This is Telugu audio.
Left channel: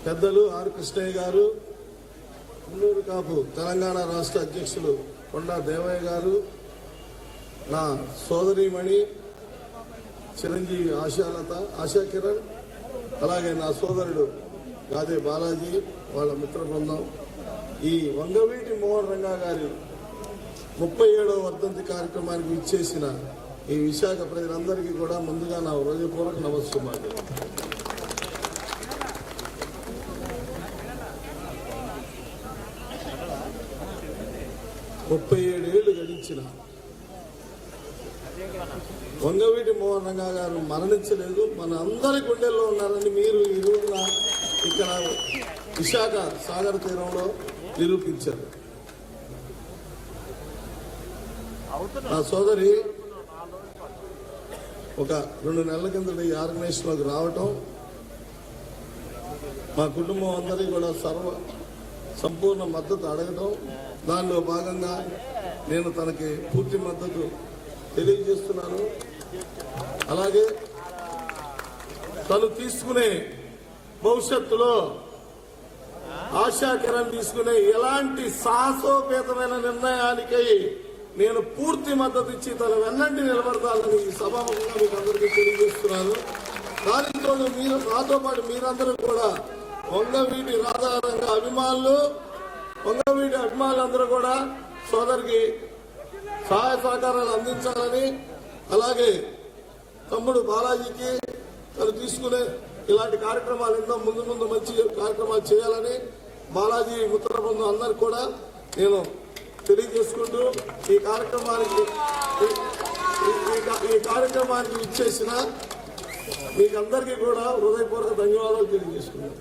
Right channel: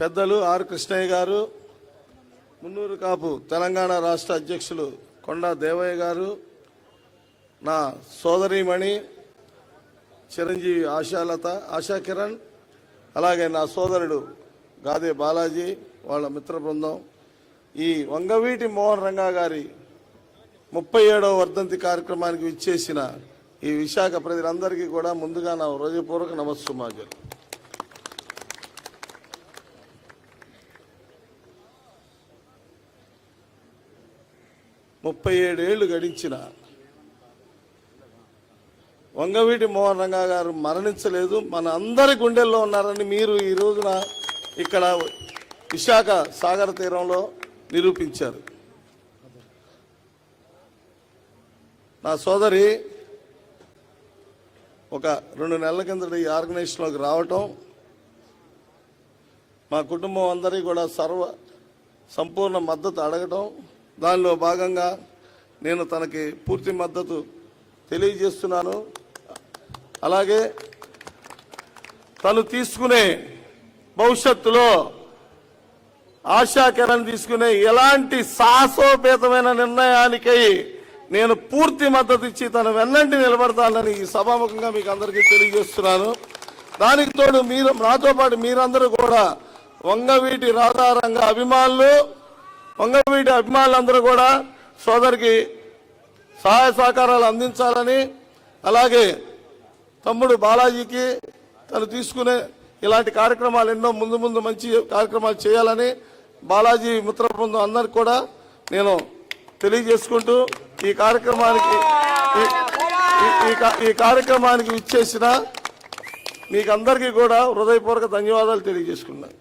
పెద్దలు ఆర్ కృష్ణయ్య గారు, ముందూరు కాపు తెలంగాణ రాష్ట్ర అధ్యక్షులు కొండా దేవయ్య గారు, నా సోదరీమణి చిరంజీవి ఆశా కిరణ్, అలాగే నా సోదరుడు గాదే బాలాజీ, వాళ్ళ మిత్ర బృందం, ఈ వంగవీటి మోహన్ రంగా గారి 37వ వర్ధంతి కార్యక్రమానికి విచ్చేసిన ఈ విశాఖ ప్రజలందరికీ కూడా ముందుగా నా హృదయపూర్వక నమస్సుమాలు. ముప్పై 37 ఏళ్ళు గడించిన వంగవీటి మోహన్ రంగా గారు మరణించలేదు, మన అందరి గుండెల్లో ఉన్నారని మీరు ఈ రోజున ఇక్కడ విశాఖ సాగర తీరంలో నిరూపించారు. నా సోదరి ఒక 2 నెలల కింద ఈ ఆర్గనైజేషన్లోకి రావటం, మా కుటుంబం అందరికీ కూడా సంపూర్ణ మద్దతు అడగడం, దానిలో భాగంగా నేను తనకి పూర్తి మద్దతు తెలియజేస్తున్నాను. అలాగే తను తీసుకునే భవిష్యత్తులో ఆశా కిరణ్ తీసుకునే ఎలాంటి సాహసోపేతమైన నిర్ణయానికై నేను పూర్తి మద్దతు ఇచ్చి తన వెన్నంటి నిలబడతానని సభాముఖంగా మీకు అందరికీ తెలియజేస్తున్నాను. దానికి తోడు మీరు నాతో పాటు మీరందరూ కూడా వంగవీటి రాధారంగ అభిమానులు, వంగవీటి అభిమానులందరూ కూడా సోదరికి సహాయ సహకారాలు అందించాలని, అలాగే తమ్ముడు బాలాజీకి తను తీసుకునే ఇలాంటి కార్యక్రమాలు ఎన్నో ముందు మంచి కార్యక్రమాలు చేయాలని బాలాజీ మిత్ర బృందం అందరికి కూడా నేను తెలియజేసుకుంటూ ఈ కార్యక్రమానికి ఇచ్చేసిన మీకు అందరికీ కూడా హృదయపూర్వక ధన్యవాదాలు తెలియజేస్తున్నాను.